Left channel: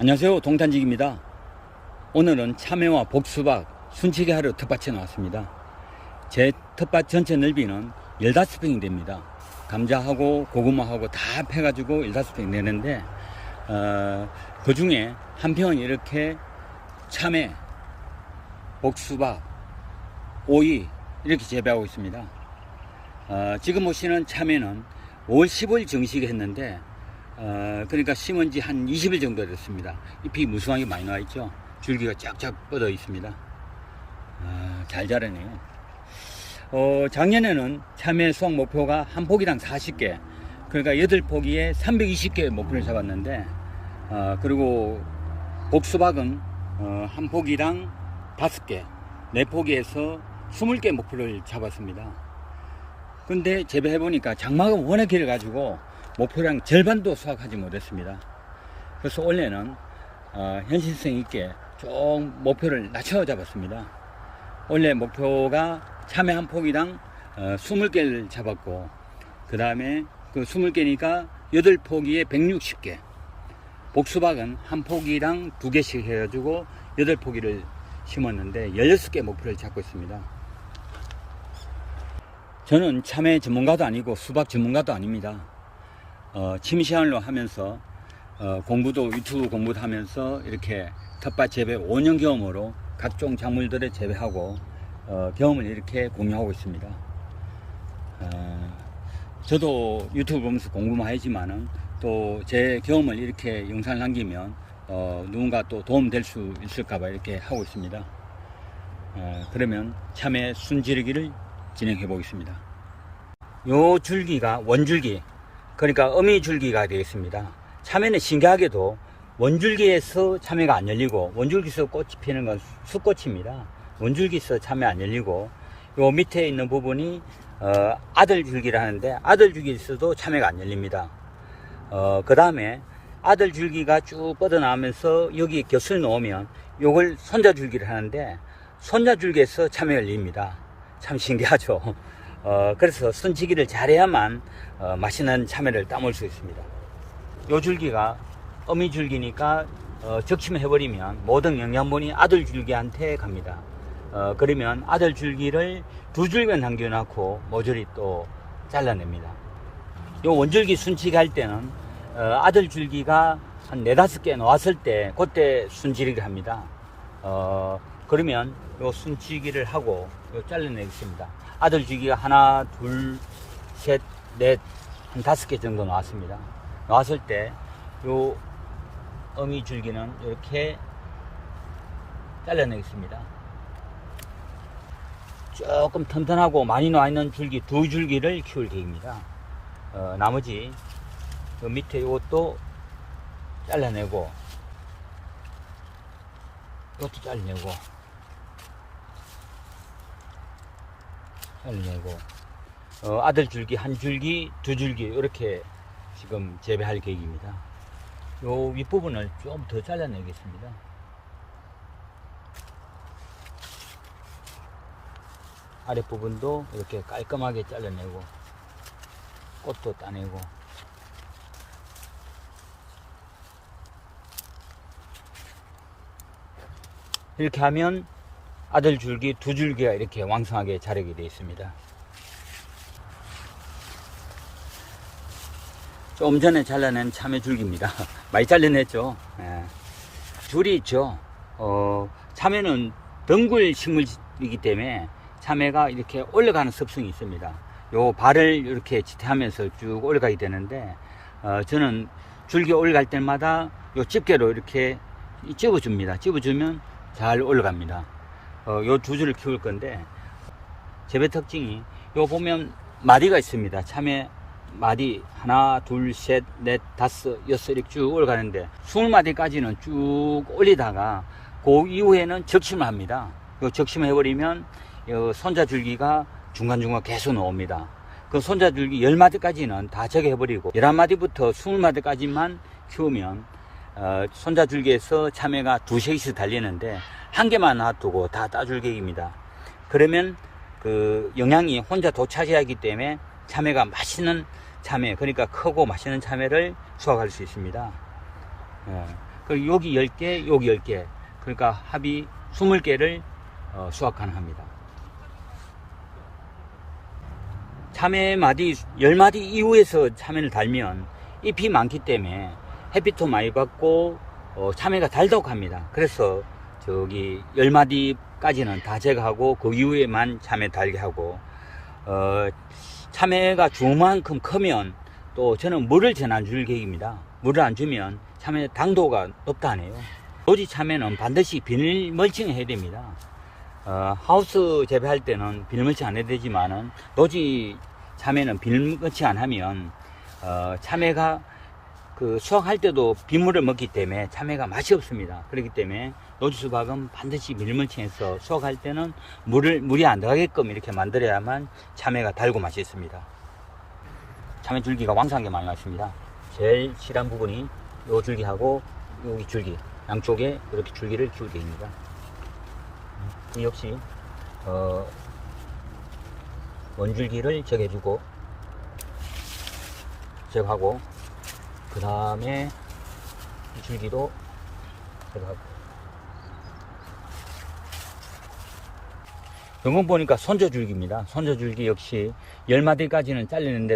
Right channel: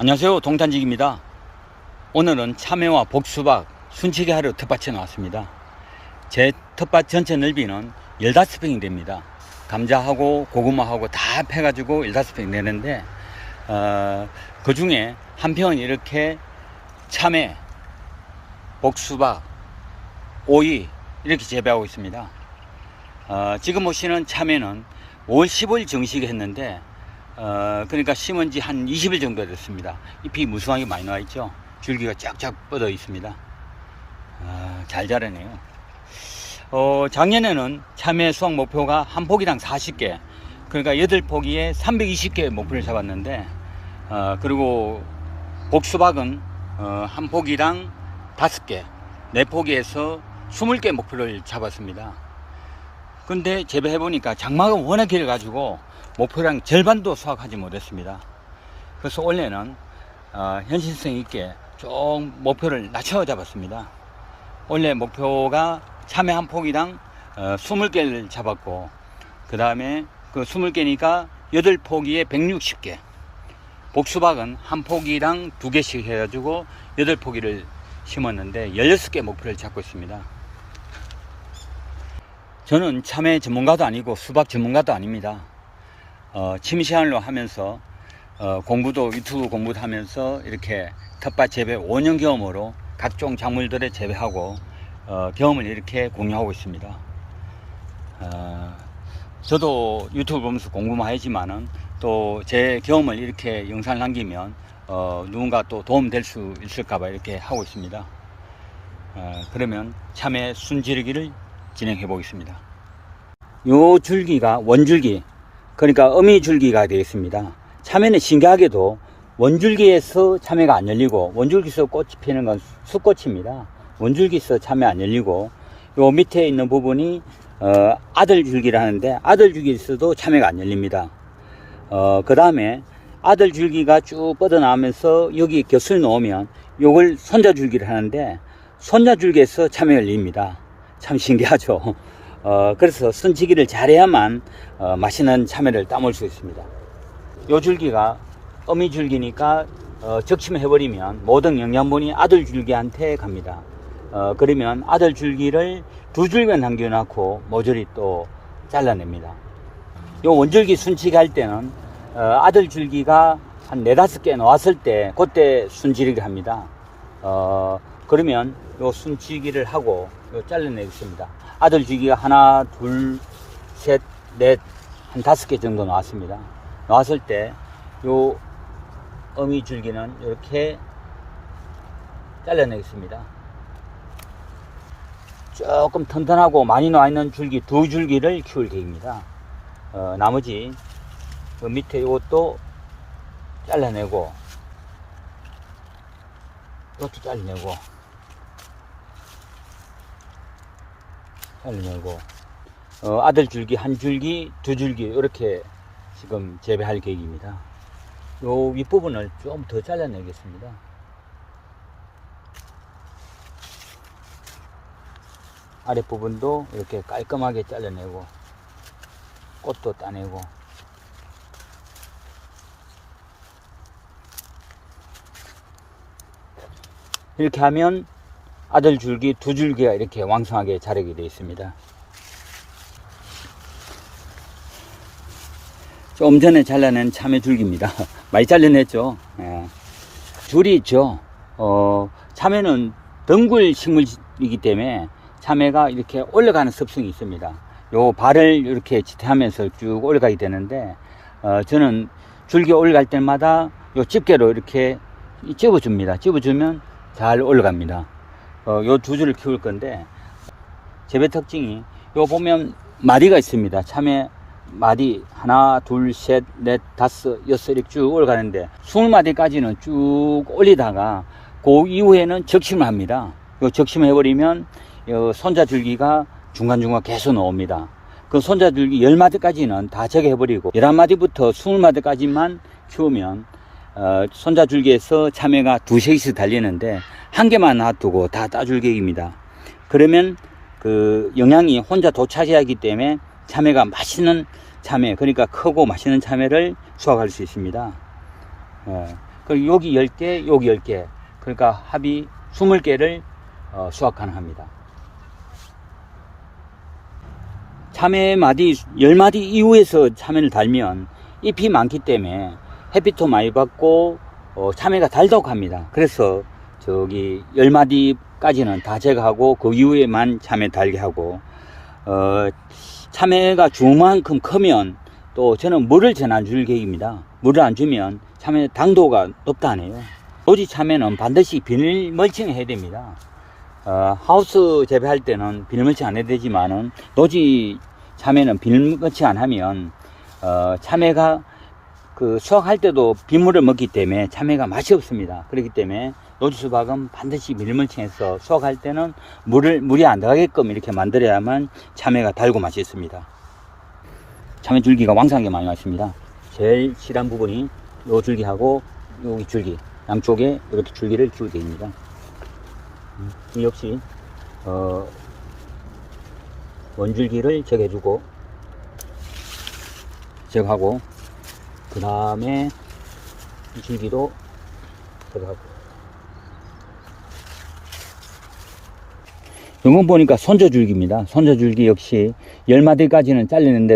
안녕하세요. 동탄직입니다. 오늘은 참외와 복수박 순치기 하러 텃밭에 나왔습니다. 제 텃밭 전체 넓이는 15평이 됩니다. 감자하고 고구마하고 다 패가지고 15평 되는데 어, 그 중에 한 평은 이렇게 참외 복수박 오이 이렇게 재배하고 있습니다. 어, 지금 보시는 참외는 5월 15일 정식에 했는데 어, 그러니까 심은 지 한 20일 정도 됐습니다. 잎이 무성하게 많이 나와 있죠. 줄기가 쫙쫙 뻗어 있습니다. 아, 잘 자라네요. 어, 작년에는 참외 수확 목표가 한 포기당 40개, 그러니까 8포기에 320개 목표를 잡았는데, 어, 그리고 복수박은 어, 한 포기당 5개, 4포기에서 20개 목표를 잡았습니다. 근데 재배해보니까 장마가 워낙 길어가지고 목표량 절반도 수확하지 못했습니다. 그래서 올해는 어, 현실성 있게 좀 목표를 낮춰 잡았습니다. 원래 목표가 참외 한 포기당 어, 20개를 잡았고 그 다음에 그 20개니까 8포기에 160개 복수박은 한 포기당 2개씩 해가지고 8포기를 심었는데 16개 목표를 잡고 있습니다. 저는 참외 전문가도 아니고 수박 전문가도 아닙니다. 어, 취미 생활로 하면서 어, 공부도 유튜브 공부도 하면서 이렇게 텃밭 재배 5년 경험으로 각종 작물들을 재배하고 어, 경험을 이렇게 공유하고 있습니다. 어, 저도 유튜브 보면서 공부만 하지만은 또 제 경험을 이렇게 영상을 남기면 어, 누군가 또 도움 될 수 있을까봐 이렇게 하고 있습니다. 어, 그러면 참외 순지르기를 진행해 보겠습니다. 요 줄기가 원줄기 그러니까 어미줄기가 되겠습니다. 참외는 신기하게도 원줄기에서 참외가 안 열리고 원줄기에서 꽃이 피는 건 수꽃입니다. 원줄기에서 참외 안 열리고 요 밑에 있는 부분이 어, 아들줄기를 하는데 아들줄기에서도 참외가 안 열립니다. 어, 그 다음에 아들줄기가 쭉 뻗어나오면서 여기 곁을 놓으면 요걸 손자줄기를 하는데 손자줄기에서 참외가 열립니다. 참 신기하죠. 어, 그래서 순치기를 잘해야만 어, 맛있는 참외를 따먹을 수 있습니다. 요 줄기가 어미 줄기니까 어, 적심해버리면 모든 영양분이 아들 줄기한테 갑니다. 어, 그러면 아들 줄기를 두 줄기만 남겨놓고 모조리 또 잘라냅니다. 요 원줄기 순치기 할 때는 어, 아들 줄기가 한 네다섯 개 나왔을 때 그때 순치기를 합니다. 어, 그러면 요 순치기를 하고 요 잘라내겠습니다. 아들 줄기가 하나, 둘, 셋, 넷, 한 다섯 개 정도 나왔습니다. 나왔을 때, 요 어미 줄기는 이렇게 잘라내겠습니다. 조금 튼튼하고 많이 나와 있는 줄기 두 줄기를 키울 계획입니다. 어, 나머지 그 밑에 이것도 잘라내고, 이것도 잘라내고, 잘라내고 어, 아들 줄기 한 줄기 두 줄기 이렇게 지금 재배할 계획입니다. 요 윗부분을 좀 더 잘라내겠습니다. 아랫부분도 이렇게 깔끔하게 잘라내고 꽃도 따내고 이렇게 하면 아들 줄기 두 줄기가 이렇게 왕성하게 자라게 되어 있습니다. 좀 전에 잘라낸 참외 줄기입니다. 많이 잘라냈죠. 예. 줄이 있죠. 어, 참외는 덩굴 식물이기 때문에 참외가 이렇게 올라가는 습성이 있습니다. 요 발을 이렇게 지탱하면서 쭉 올라가게 되는데, 어, 저는 줄기 올라갈 때마다 요 집게로 이렇게 집어줍니다. 집어주면 잘 올라갑니다. 어, 요두 줄을 키울 건데 재배 특징이 요 보면 마디가 있습니다. 참외 마디 하나 둘 셋 넷 다섯 여섯 이렇게 쭉 올라가는데 스물 마디까지는 쭉 올리다가 그 이후에는 적심을 합니다. 요 적심을 해버리면 요 손자 줄기가 중간중간 계속 나옵니다. 그 손자 줄기 열 마디까지는 다 적해버리고 열한 마디부터 스물 마디까지만 키우면 어, 손자 줄기에서 참외가 두세씩 달리는데 한 개만 놔두고 다 따줄 계획입니다. 그러면 그 영양이 혼자 도차지하기 때문에 참외가 맛있는 참외, 그러니까 크고 맛있는 참외를 수확할 수 있습니다. 어, 그리고 여기 10개, 여기 10개. 그러니까 합이 20개를 어, 수확 가능합니다. 참외 마디, 10마디 이후에서 참외를 달면 잎이 많기 때문에 햇빛도 많이 받고 어, 참외가 달다고 합니다. 그래서 저기 10마디까지는 다 제거하고 그 이후에만 참외 달게 하고 어, 참외가 주만큼 크면 또 저는 물을 전 안 줄 계획입니다. 물을 안 주면 참외 당도가 높다 하네요. 노지 참외는 반드시 비닐 멀칭을 해야 됩니다. 어, 하우스 재배할 때는 비닐 멀칭 안 해도 되지만은 노지 참외는 비닐 멀칭 안 하면 어, 참외가 그 수확할 때도 비물을 먹기 때문에 참외가 맛이 없습니다. 그렇기 때문에 노지 수박은 반드시 멀칭해서 수확할 때는 물을 물이 안 들어가게끔 이렇게 만들어야만 참외가 달고 맛있습니다. 참외 줄기가 왕성하게 많이 왔습니다. 제일 실한 부분이 요 줄기하고 여기 줄기 양쪽에 이렇게 줄기를 주게 됩니다. 음, 이 역시 어, 원줄기를 제거해주고 제거하고 그 다음에 줄기도 제거하고 이건 보니까 손저줄기입니다. 손저줄기 역시 10마디까지는 잘리는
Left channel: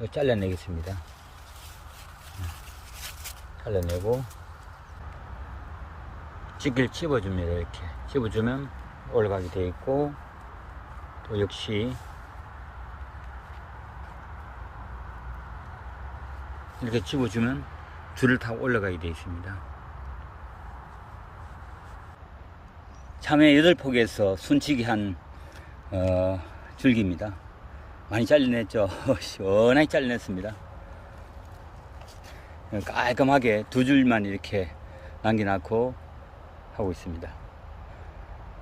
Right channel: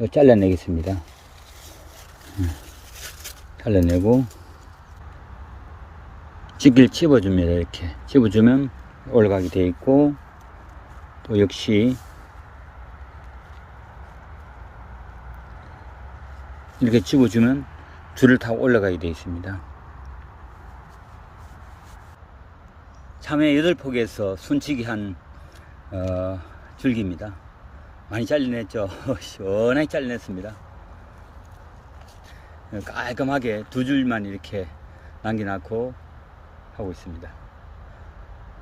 이거 잘라내겠습니다. 음, 잘라내고 찌길 찝어줍니다. 이렇게 찝어주면 올라가게 되어 있고 또 역시 이렇게 찝어주면 줄을 타고 올라가게 되어 있습니다. 참외 8폭에서 순치기 한 어, 줄기입니다. 많이 잘라냈죠. 시원하게 잘라냈습니다. 깔끔하게 두 줄만 이렇게 남겨놓고 하고 있습니다.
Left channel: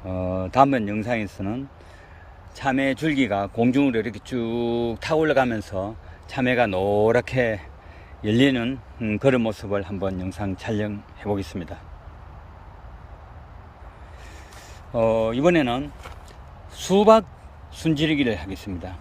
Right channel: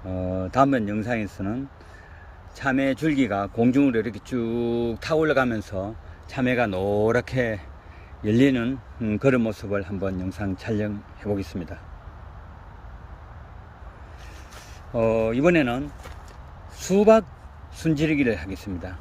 어, 다음번 영상에서는 참외 줄기가 공중으로 이렇게 쭉 타고 올라가면서 참외가 노랗게 열리는 음, 그런 모습을 한번 영상 촬영해 보겠습니다. 어, 이번에는 수박 순지르기를 하겠습니다.